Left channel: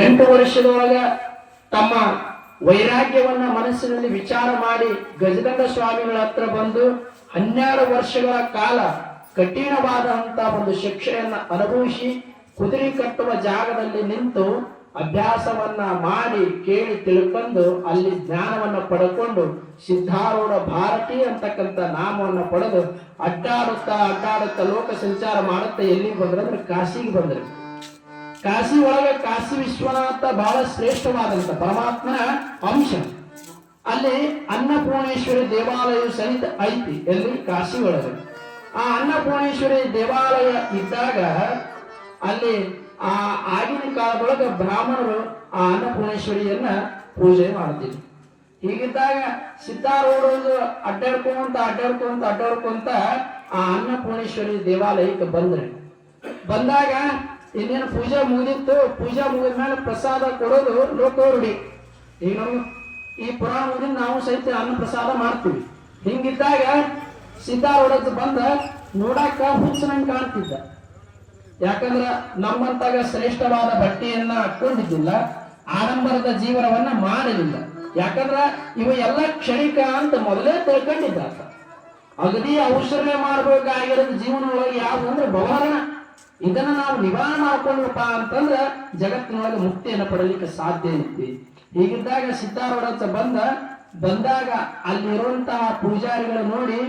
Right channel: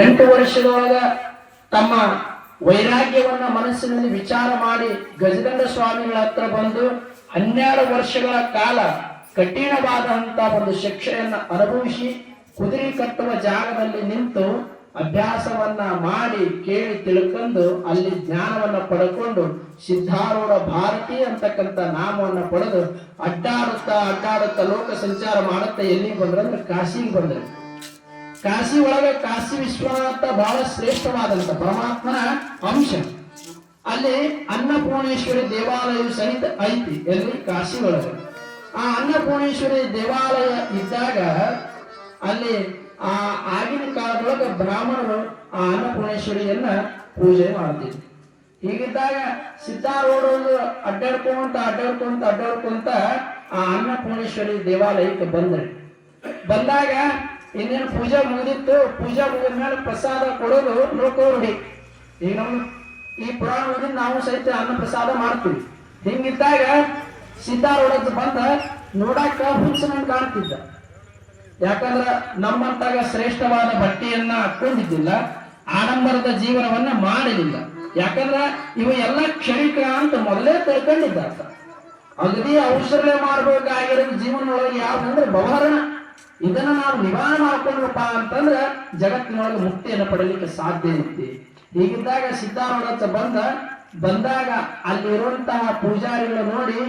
8 ವರ್ಷದೊಳಗ ತಮ್ಮ ವೈರಾಗ್ಯವನ್ನ ಮನಸ್ಸಿನಲ್ಲಿ ವಿಚಾರ ಮಾಡಿ ಗಜಗಂಡ ಸ್ವಾಮಿಗಳ ಹತ್ರ ಬಂದು 12 ವರ್ಷಗಳ ಕಾಲ ಕಠಿಣವಾದಂತ ಒಂದು ಶಿಕ್ಷೆಯನ್ನ ಅನುಭವಿಸಿ ಕುದುರೆ ಕಟ್ಟುವ ಜಾಗದಲ್ಲಿ ನಿಂತು ಅಭ್ಯಾಸವನ್ನ ಮಾಡಿ ಕೇಳಿ ತಿಳ್ಕೊಂಡು ಅಲ್ಲಿ ಜ್ಞಾನವನ್ನ ಪಡ್ಕೊಂಡು ಸಿದ್ಧಾರೂಢ ಭಾರತಿ ಅಂತಕ್ಕಂಥ ನಾಮವನ್ನು ಪಡೆದು ಅಡ್ಡಾಡುತ್ತಾ ಲೋಕ ಸಂಚಾರ ಮಾಡುತ್ತಾ ಎಲ್ಲಿಗೆ ಬಂದ್ರಂದ್ರೆ ಕಾಶಿಗೆ ಬಂದ್ರೆ. ಕಾಶಿ ಒಳಗೆ ಕಾಶಿ ವಿಶ್ವನಾಥ ಬಹಳ ಶ್ರೇಷ್ಠವಾದಂತ ಪರಮಾತ್ಮನ ಅಂಶ. ಅಲ್ಲಿ ಅನ್ನಪೂರ್ಣೇಶ್ವರಿ ದೇವಾಲಯ ಸಹಿತ ಐತಿ ಎಲ್ಲಿ ಕಾಶಿ ಒಳಗೆ. ಆ ಅನ್ನಪೂರ್ಣೇಶ್ವರಿ ದೇವಾಲಯ ಇದ್ದಾಗ ಅಲ್ಲಿ ಆಗಿನ ಕಾಲದೊಳಗೆ ಬ್ರಾಹ್ಮಣರು ಆ ಅನ್ನಪೂರ್ಣೇಶ್ವರಿಯನ್ನ ಪೂಜೆ ಮಾಡ್ತಿದ್ರು. ಹೀಗಿದ್ದಾಗ ಸಿದ್ಧಾರೂಢರು ಅಡ್ಡಾಡ್ಕೊಂತ ಆ ಅನ್ನಪೂರ್ಣೇಶ್ವರಿ ದೇವಾಲಯಕ್ಕೆ ಬಂದಾಗ ಇನ್ನೇನು ಪೂಜೆ ಮುಗಿದಿತ್ತು. ಪೂಜೆ ಮುಗಿದ ಮೇಲೆ ಪ್ರಸಾದ ಕೊಡೋದು ಲೋಕರೂಢಿ. ಈಗ ನಮ್ಗೆ ಈ ಪುರಾಣ ಓದಿನ ನಾವು ಸಹಿತ ಅನ್ನ ಪ್ರಸಾದ ಮಾಡ್ತೀವಿ. ಹಿಂಗಿದ್ದಾಗ ಸಿದ್ಧಾರೂಢ ಬಂದ ನೋಡಾಕ ಹುಚ್ಚನಂಗೆ ಕಾಣ್ತಿದ್ದ. ಯಾಕಂದ್ರ ನಮ್ಮಂತಾಗ ಶ್ರೇಷ್ಠವಾದ ಬಟ್ಟೆಯನ್ನ ಹಾಕೊಂಡಿದ್ದಿಲ್ಲ, ಆಡಂಬರದ ಜೀವನವನ್ನ ಮಾಡಲಿಲ್ಲ. ಯಾಕಂದ್ರ ಇವ ಎಲ್ಲ ಕ್ಷಣಿಕ ಅಂತ ಮೊದಲೇ ತಿಳ್ಕೊಂಡಿದ್ದ. ಅಗದಿ ಔಷಧೆ ಮಾಡ್ಬೇಕಾಗಿರೋದು ಜೀವನ ಒಳಗೆ ಯಾವ್ದಂದ್ರೆ ಬವರಣ. ಇದನ್ನ ನಾವು ನಿವಾರಣೆ ಮಾಡ್ಕೊಂಡ್ರಪ್ಪ ಅಂತಂದ್ರ ಜಗತ್ತಿನೊಳಗೆ ಮುಕ್ತಿಯನ್ನು ಪಡಲಿಕ್ಕೆ ಸಾಧ್ಯ ಐತಿ. ಹೀಗಿದ್ದಾಗ ಸಿದ್ಧಾರೂಢ ಬಂದಾಗ ಅಲ್ಲಿರುವಂತಹ ಪೂಜಾರಿಗಳು ನೋಡಿ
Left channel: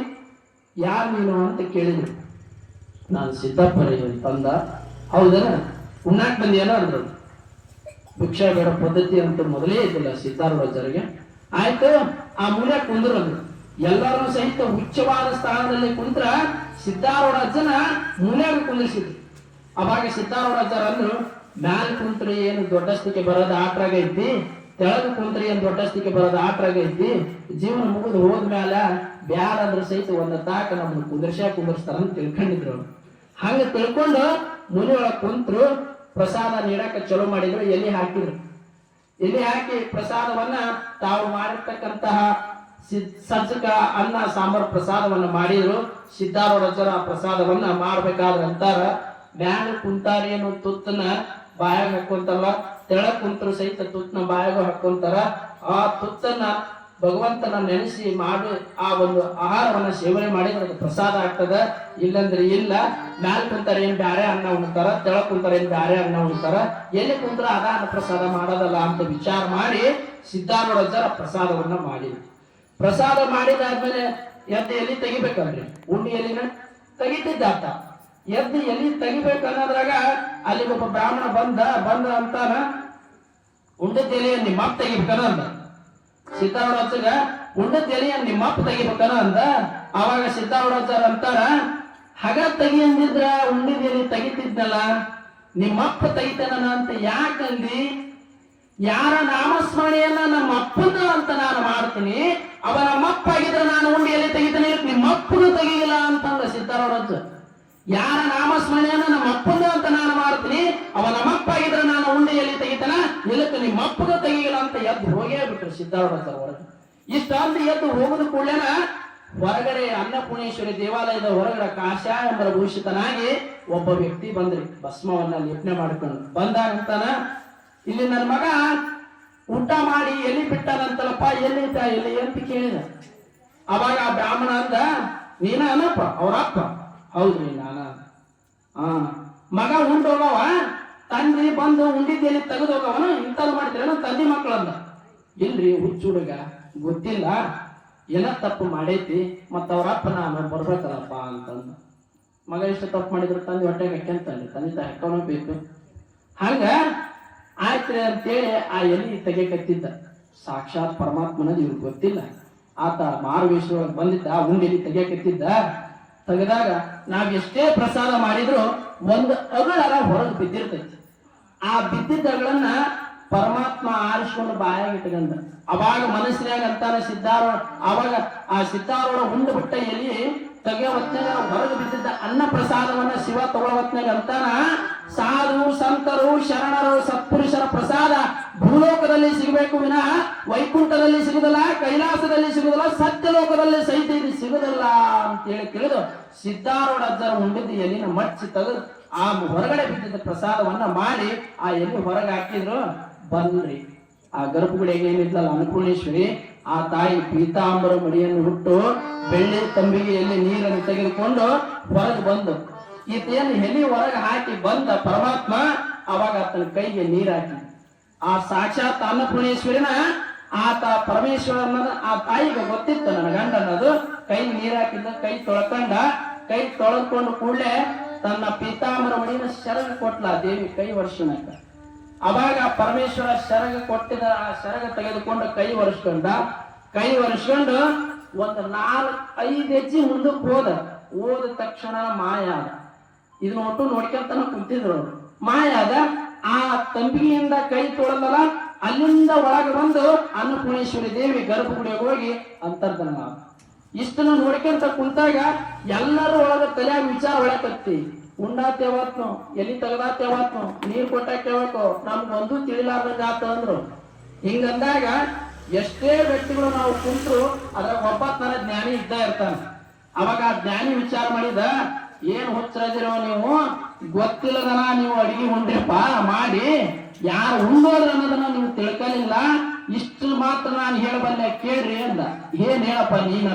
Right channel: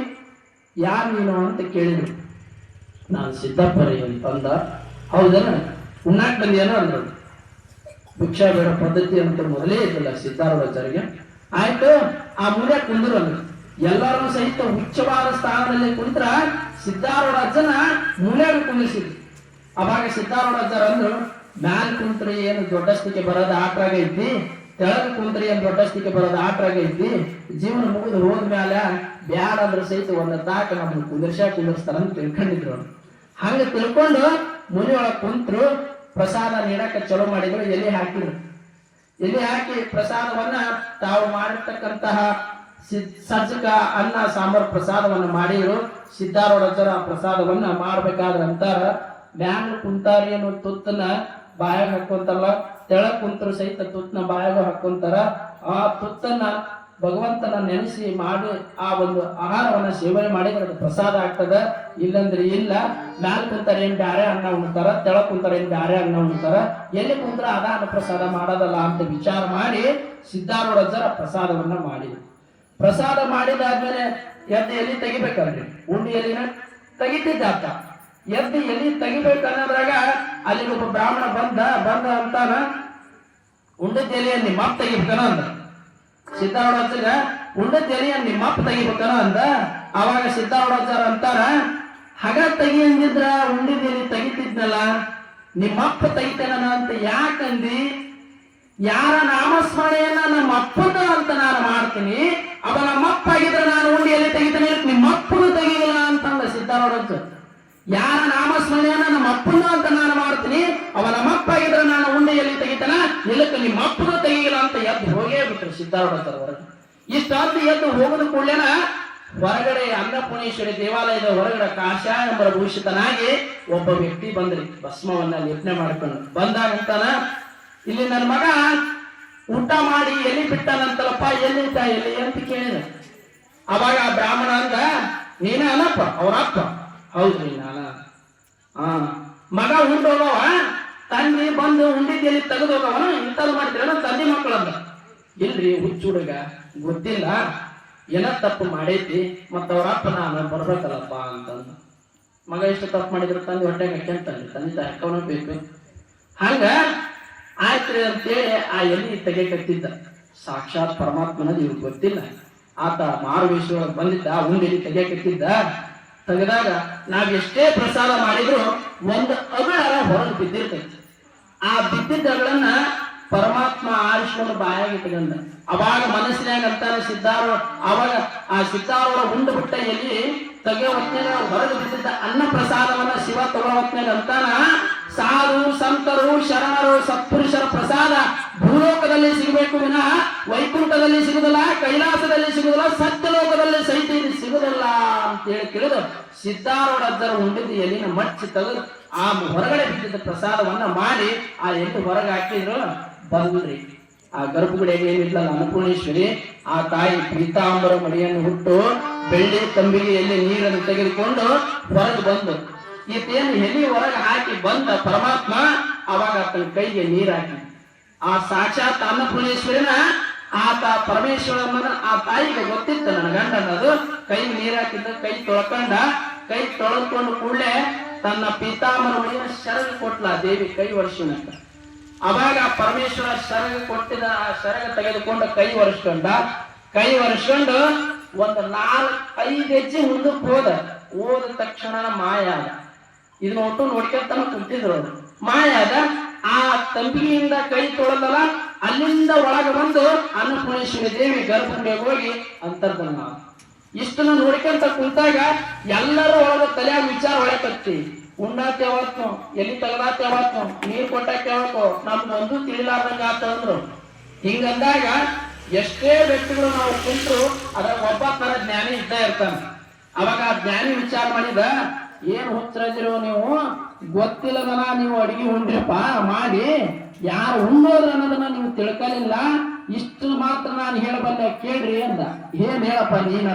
ಯಾರು ನೀನು ಅಂತ ಕೇಳಿದ್ರು. ನಾನು ಸಿದ್ದಪ್ಪರೇ ಅಂತಂದ. ಹೌದನ, ಉಣ್ಣಾಕ್ ಬಂದಿಯೇನೋ ಅಂದ್ರು. ಭಿಕ್ಷಾ ಬೇಡ ಪದ್ಧತಿ ಅಂತ ಮೊದಲೇ ಇದ್ದಿಲ್ಲ ಸಿದ್ಧಾರೂಢಾಚಾರ್ಯಗೆ. ಆಯ್ತು, ಆ ಮೂಲೆ ಕುಂದ್ರು ಅಂದ್ರು. ಎಲ್ಲರೂ ಸಹಿತ ಉಚ್ಚವಾದ ಸ್ಥಾನದಲ್ಲಿ ಕುಂತ್ರ ಸಿದ್ಧಾರೂಢಾಚಾರ್ಯನ ಮೂಲೆಗೆ ಕುಂದಿಸಿದ್ರು. ಅವಾಗ ಸಿದ್ಧಾರೂಢಾಚಾರ್ಯ ಅಂದ್ರು, ಮ್ಯಾಲ ಕುಂತ್ರಿ ಏನು ದೊಡ್ಡಸ್ತಿಕೆ ಬರೋದು ಆಟ್ರಾಗ ಐತಿ, ತೆಳಗ ಕುಂತ್ರಿ ಏನು ದೊಡ್ಡಸ್ತಿಕೆ ಬರೋದು ಆಟ್ರಾಗ ಐತಿ. ಜೀವನ ಮುಗಿದು ಹೋದ್ಮ್ಯಾಲ ಬ್ಯಾಡ ಅಂದ್ರ ಸಹಿತ ಒಂದು ತಾಕ ನಮ್ಮನ್ನು ಕುಂದರ್ಸ್ತಾರ ಅಂತ ತಿಳ್ಕೊಂಡಿದ್ರು. ಹಂಗ ತಿಳ್ಕೊಂಡು ಮುನಿ ಒಳಗೆ ಕುಂತ್ರು. ಪ್ರಸಾದ ನೀಡಕ್ಕೆ ಚಲೋ ಮಾಡಿದ್ರು. ಎಲ್ಲಿ ಹಾಕಿ ಪ್ರಸಾದವನ್ನ ತಾವು ಮಾಡಿರ್ತಕ್ಕಂತಹ ಸಜ್ಜಕ ಅನ್ನ ಸಾಂಬಾರ್ ಪ್ರಸಾದವನ್ನ ಮಾಡಿದ್ರು. ಸಿದ್ಧಾರೂಢಾಚಾರ್ಯ ಆ ಪ್ರಸಾದವನ್ನ ಮಾಡ್ಬೇಕಾದ್ರೆ ಅಂತಾರ, ಮ್ಯಾಲ ಕುಂತಾರಿ ಅನ್ನೋ ತುತ್ತನ್ನ ಬಾಯಾಗ ಹಾಕೊಂತಾರಲ್ಲ, ತೆಳಗ್ ಕುಂತರು ಸಹಿತ ತುತ್ತನ ಬಾಯಾಗ ಹಾಕೊಂತಾರ. ಆ ತುತ್ತನ್ನ ಭಗವಂತನ ನೆನೆಸಿ ಮಾಡಿ ಆ ಒಂದು ಆಹಾರವನ್ನ ಸೇವನೆ ಮಾಡಿದ್ರೆ ಅದು ಪ್ರಸಾದ ಆಗ್ತದ. ಇಲ್ಲಂದ್ರೆ ಇಲ್ಲ. ಮ್ಯಾಲ ಕುಂತಾರ ಏನ್ ಬ್ಯಾರೆ ಅನ್ನ ಉಣ್ತಾರ, ತೆಳಗ್ ಕುಂತಾರ ಏನ್ ಬ್ಯಾರೆ ಅನ್ನ ಉಣ್ತಾರ, ಎಲ್ಲಿ ಕುಂತ್ರ ಅದ ಅನ್ನ ಪ್ರಸಾದ ಮಾಡೋದಲ್ಲ ಅಂತ ವಿಚಾರ ಮಾಡಿ ಸಿದ್ಧಾರೂಢಾಚಾರ್ಯ ಪ್ರಸಾದವನ್ನ ಮಾಡಿದ್ರು. ಪ್ರಸಾದ ಮಾಡಿದಾದ್ಮೇಲೆ ಎದ್ದು ಎಲ್ಲಿ ತೆಗಿಬೇಕಲ್ರಿ, ಉಂಡಿ ಎಲ್ಲಿನ ತೆಗಿತಿದ್ದಾತ. ಎದ್ದು ಎಲ್ಲಿ ತೆಗಿಬೇಕನ್ನೋದ್ರಾಗ ಅಲ್ಲಿ ಒಬ್ಬ ಬ್ರಾಹ್ಮಣ ಬಂದ ಅಂತಾನ, ಉಂಡದ ಎಲೆಯನ್ನು ನಿಮ್ಮಪ್ಪ ತೆಗಿಬೇಕನ ಅಂದ. ಸಿದ್ಧಾರೂಢಾಚಾರ್ಯ ಉಂಡದ ಎಲೆಯನ್ನು ನಿಮ್ಮಪ್ಪ ತೆಗಿಬೇಕನ ಅಂದ. ಅವಾಗ ಸಿದ್ಧಾರೂಢಾಚಾರ್ಯ ಅಂತಾರ, ಹಗ ತೆಗಿ ಅಂದಿದ್ರ ಉಂಡಿದ ಎಲೆ ತೆಗಿತಿದ್ನಲ್ಲ, ನಿಮ್ಮಪ್ಪ ತೆಗಿತೇನ ಅಂತ ಯಾಕಂದಿ? ಯಾರ ನಾಮಸ್ಮರಣೆಯನ್ನ ನಮ್ಮ ಅಪ್ಪನ ಅಂತ ನಾನು ಮಾಡ್ತೀನಿ, ಅವ ನಮ್ಮಪ್ಪ ಆಗಿದ್ರೆ ನಾನು ಉಂಡಿಯಲ್ಲಿ ತೆಗಿತೇನೆ, ನಿಮ್ಮಪ್ಪನು ತೆಗಿಲ್ಲ ಅಂತಂದ ಸಿದ್ಧಾರೂಢಾಚಾರ್ಯ. ಯಾರ ನಾಮಸ್ಮರಣೆಯನ್ನ ನಮ್ಮ ಅಪ್ಪನು ಅಂತ ನಾನು ಮಾಡ್ತೀನಿ, ಅವ ನಮ್ಮಪ್ಪ ಆಗಿದ್ರೆ ನಾನು ಉಂಡೆಯಲ್ಲಿ ತೆಗಿತಾನ, ಇಲ್ಲಕ್ಕೆ ನಿಮ್ಮ ಅಪ್ಪನು ತೆಗಿಲ್ಲ ಅಂತ ಎದ್ದು ಹೋಗೇ ಬಿಟ್ರು ಸಿದ್ಧಾರೂಢಾಚಾರ್ಯ ಹೊರಗೆ. ಇಷ್ಟೊಂದು ಎದ್ದು ಹೋಗದ ಕೂಡಲೇನ ಹೊರಗಡೆ ಅನ್ನಪೂರ್ಣೇಶ್ವರಿ ದೇವಾಲಯದ ಹೊರಗಡೆ ಕಾಷಾಯಂಬರ ಭೂಷಿತನಾಗಿ ಒಬ್ಬ ವ್ಯಕ್ತಿ ಬಂದ್ರಿ, ಭಸ್ಮವನ್ನ ಲೇಪನೆ ಮಾಡ್ಕೊಂಡು. ಬಂದಾಗಂತಾನ, ಇಲ್ಲಿ ನನ್ನ ಮಗ ಊಟ ಮಾಡಿ ಎಲ್ಲಿ ಬಿಟ್ಟಾನಂತಲಪ್ಪ, ಎಲ್ಲಿ ಅಂತ ಕೇಳಿದ. ಅವಾಗ ಆ ಬ್ರಾಹ್ಮಣ ಅಂದ, ನೀನೇ ಅಲ್ಲಪ್ಪ ಅವ್ರಪ್ಪ? ಹೌದ್ರಿ ನಾನ. ಮಗ ಉಂಡೋಗವ, ತಂದಿ ಬಂದು ಉಂಡಿದ್ದಲ್ಲಿ ತೆಗೆದು ಹೋಗವನ, ಇಂಥದ್ದು ಮಾಡಿದ್ರೆ ನನ್ನ ತಂದೆ ಮಕ್ಕಳಂದ. ಇಲ್ರಿ ಹುಚ್ಚ ಹುಡುಗ, ಗೊತ್ತಿಲ್ಲ, ಏನ ತಪ್ಪು ಮಾಡೈತಿ, ಮತ್ತ ಅವ್ರಪ್ಪ ನಾನು ಬರ್ಬೇಕಲ್ಲಪ್ಪ ಅಂತಂದ. ಮಗ ಎಷ್ಟು ತಪ್ಪು ಮಾಡಿದ್ರು ತಂದೆ ಹೊಟ್ಟೆಗೆ ಹಾಕ್ಯಂತಾನೆ, ತಂದೆ ಹಾಕೋನ ಬೇಕು. ಹಂಗ ಆಯ್ತು ಅಂತೇಳಿ ಆ ಎಲ್ಲಿ ತೆಗೆಕತ್ತಿದ್ದ. ಸಾಕ್ಷಾತ್ ಪರಮಾತ್ಮನದು ಇವ್ರಿಗೆ ಗೊತ್ತಿಲ್ಲ. ಆತ ಮಾರುವೇಶ್ವರೊಳಗೆ ಬಂದಿದ್ದ, ಉಂಡೆಲಿ ತೆಗೆಕತ್ತಿದ್ದ. ತೆಗೆದಾಗ ನಾವ್ ಎಷ್ಟೇ ಪ್ರಸಾದ ಮಾಡಿದ್ರು ಒಂದು ಅಗಳರ ಹೊರಗೆ ಬಿದ್ದಿರ್ತೈತಿ. ಆ ಬಿದ್ದಿದ್ದ ಅಗಳನ್ನ ಪರಮಾತ್ಮ ಆರಿಸ್ಕೊಂಡು ಬಾಯಾಗಿ ಇಟ್ಕೊಂಡ. ಅವಾಗ ಮನಸ್ಸಿನಾಗ ಅಂತಾನೆ ಅವಾಗ ಆ ಸಿದ್ಧಾರೂಢ ಉಂಡು ಬಿಟ್ಟ ಎಲ್ಲಿ ತೆಗೆಯೋ ಹೊತ್ನಾಗ ಹೊರಗೆ ಬಿದ್ದಿದ್ದ ಅನ್ನ ಪ್ರಸಾದವನ್ನ ಶಿವ ತಗೊಳ್ಳೋ ಹೊತ್ನಾಗ ಅಂತಾನ, ಸಾಧು ಸಂತರು ಶರಣರು ಸತ್ಪುರುಷರ ಪ್ರಸಾದ ಭೂಲೋಕದಲ್ಲಿ ಸಿಗಬೇಕು ವಿನಃ ವೈಕುಂಠದಲ್ಲಿ ಸಿಗುದಿಲ್ಲ, ಕೈಲಾಸದಲ್ಲಿ ಸಿಗುದಿಲ್ಲ, ಸತ್ಯಲೋಕದಲ್ಲಿ ಸಹಿತ ಇದು ಸಿಗುದಿಲ್ಲ ಅಂತ ಹೇಳಿ ಕೇಳಿದ ಸಿದ್ದಾರೂಢ ಅಜ್ಜರ ಉಂಡಿದ್ದು ಎಲಿನ ಮಚ್ಚಿ ತೆಗೆದು ಆ ಹೊರಗಡೆ ಬಿದ್ದಿದ್ದ ಪ್ರಸಾದವನ್ನ ಮಾಡಿ ಆ ಎಲ್ಲಿ ಹೊರಗೆ ಹಾಕಿದ್ರು. ಬಂದ್ರಿ ಆ ಗರ್ಭಗುಡಿಗೆ ಏನಿದ್ಲಲ್ಲ ಅನ್ನಪೂರ್ಣೇಶ್ವರಿ, ಆ ತಾಯಿ ಪೀತಾಂಬರ ಮಡಿಯನ್ನು ಹುಟ್ಟು ಬೆಳ್ಳಿ ತಂಬಿಗೆ ಎಲ್ಲಿ ನೀರನ್ನು ತೆಗೆದುಕೊಂಡು ಹೊರಗೆ ಬಂದು ಈತೇನು ಎಲಿ ಹೊರಗೆ ಹಾಕಿ ಬಂದ ಪರಮಾತ್ಮ ಅವಾಗ ಆತನ ಕೈಗೆ ನೀರು ಹಾಕಿ ಆ ಸಾಕ್ಷಾತ್ ಅನ್ನಪೂರ್ಣೇಶ್ವರಿನ ಆತ ಪರಮೇಶ್ವರನ ಆ ತಾಯಿಗೆ ಗೊತ್ತಿತ್ತು ನನ್ನ ಗಂಡ ಅನ್ನೋದು. ಕೈಗೆ ನೀರು ಹಾಕಿದ್ದ, ಕೈ ತೊಳ್ಕೊಂಡ, ಕೈ ತೊಳೆದುಕೊಂಡು ಕೂಡಲೇ ತನ್ನ ಪೀತಾಂಬರ ಮಡಿನ ಶರಗ ಕೊಟ್ಲ ದೇವಿ ಕೈ ವರ್ಷನಂತ. ಅವಾಗ ಪರಮೇಶ್ವರ ಶರಗ ಕೊಟ್ಟಿದ ಆ ಶರಗ ತೆಗೆದುಕೊಂಡು ಕೈ ಒರೆಸ್ಕೊಂಡು ಒಂದು 4-5 ಹೆಜ್ಜೆ ಮುಂದಕ್ಕೆ ಹೋದ ತಕ್ಷಣ ಮಾಯ ಆದ. ಇದನ್ನ ಒಟ್ಟು ನೋಡ್ಕೊಂತಾನ ಕುಂತಿದ್ರು. ಮಾಯ ಆದ. ಆ ತಂಬಿಗೆಯಿಂದ ಕೈ ತೊಳೆದಲ್ಲ, ಅಲ್ಲಿಂದ ಒಳಗೆ ಬಂದು ಅನ್ನಪೂರ್ಣೇಶ್ವರಿ ದೇವಿ ಗರ್ಭಗುಡಿಗೆ ಹೋಗಿ ಅಂತರ್ಧನ. ಇಷ್ಟನ್ನು ನೋಡ್ಕೊಂತ ಕುಂತಾಗ ಎಲ್ಲರೂ ಒಳಗ ತಲೆಯಾಗ ವಿಚಾರ ಒಳಕತ್ತಿ. ಉಣ್ಣಾತ ಯಾವತ್ತು, ಎಲ್ಲಿ ತೆಗದಾತ ಯಾವತ್ತು, ನೀರ್ ಕೊಟ್ಟಾಕ ಯಾವತ್ತು, ನಮ್ಗೊಂದು ತಿಳಿಲಾರ್ದಂಗ ಆತ ಅಂದ್ರು. ಹಿಂಗಂದಾಗ ಎಷ್ಟೇ ವ್ಯಕ್ತಿಗಳು ನಾವು ಕುಂತರು ಅದ್ರಾಗ ಒಬ್ಬ ತರ ಜ್ಞಾನಿ ಇದ್ದ ಇರ್ತಾನ. ಅವಾಗ ಆ ಜ್ಞಾನಿ ವಿಚಾರ ಮಾಡಿದ, ಏನ್ ಹುಚ್ಚರದಿರೋ ನೀವು, ಗೊತ್ತಿಲ್ಲದನ ನೀವು ಅಡಿಗೆ ಉಂಡ್ರಿಪ್ಪ ಮಾಡಿ, ಯಾರು ಉಣ್ಣೋದ್ರ ಅನ್ನೋದನ್ನ ನೀವು ತಿಳ್ಕಲಿಲ್ಲ, ಇಷ್ಟು ಮಾತ್ರ ನಾನು ಹೇಳಬಲ್ಲೆ ಕೇಳ್ರಿ ಅಂದ. ಏನ್ ಹೇಳಪ್ಪ ನೀನ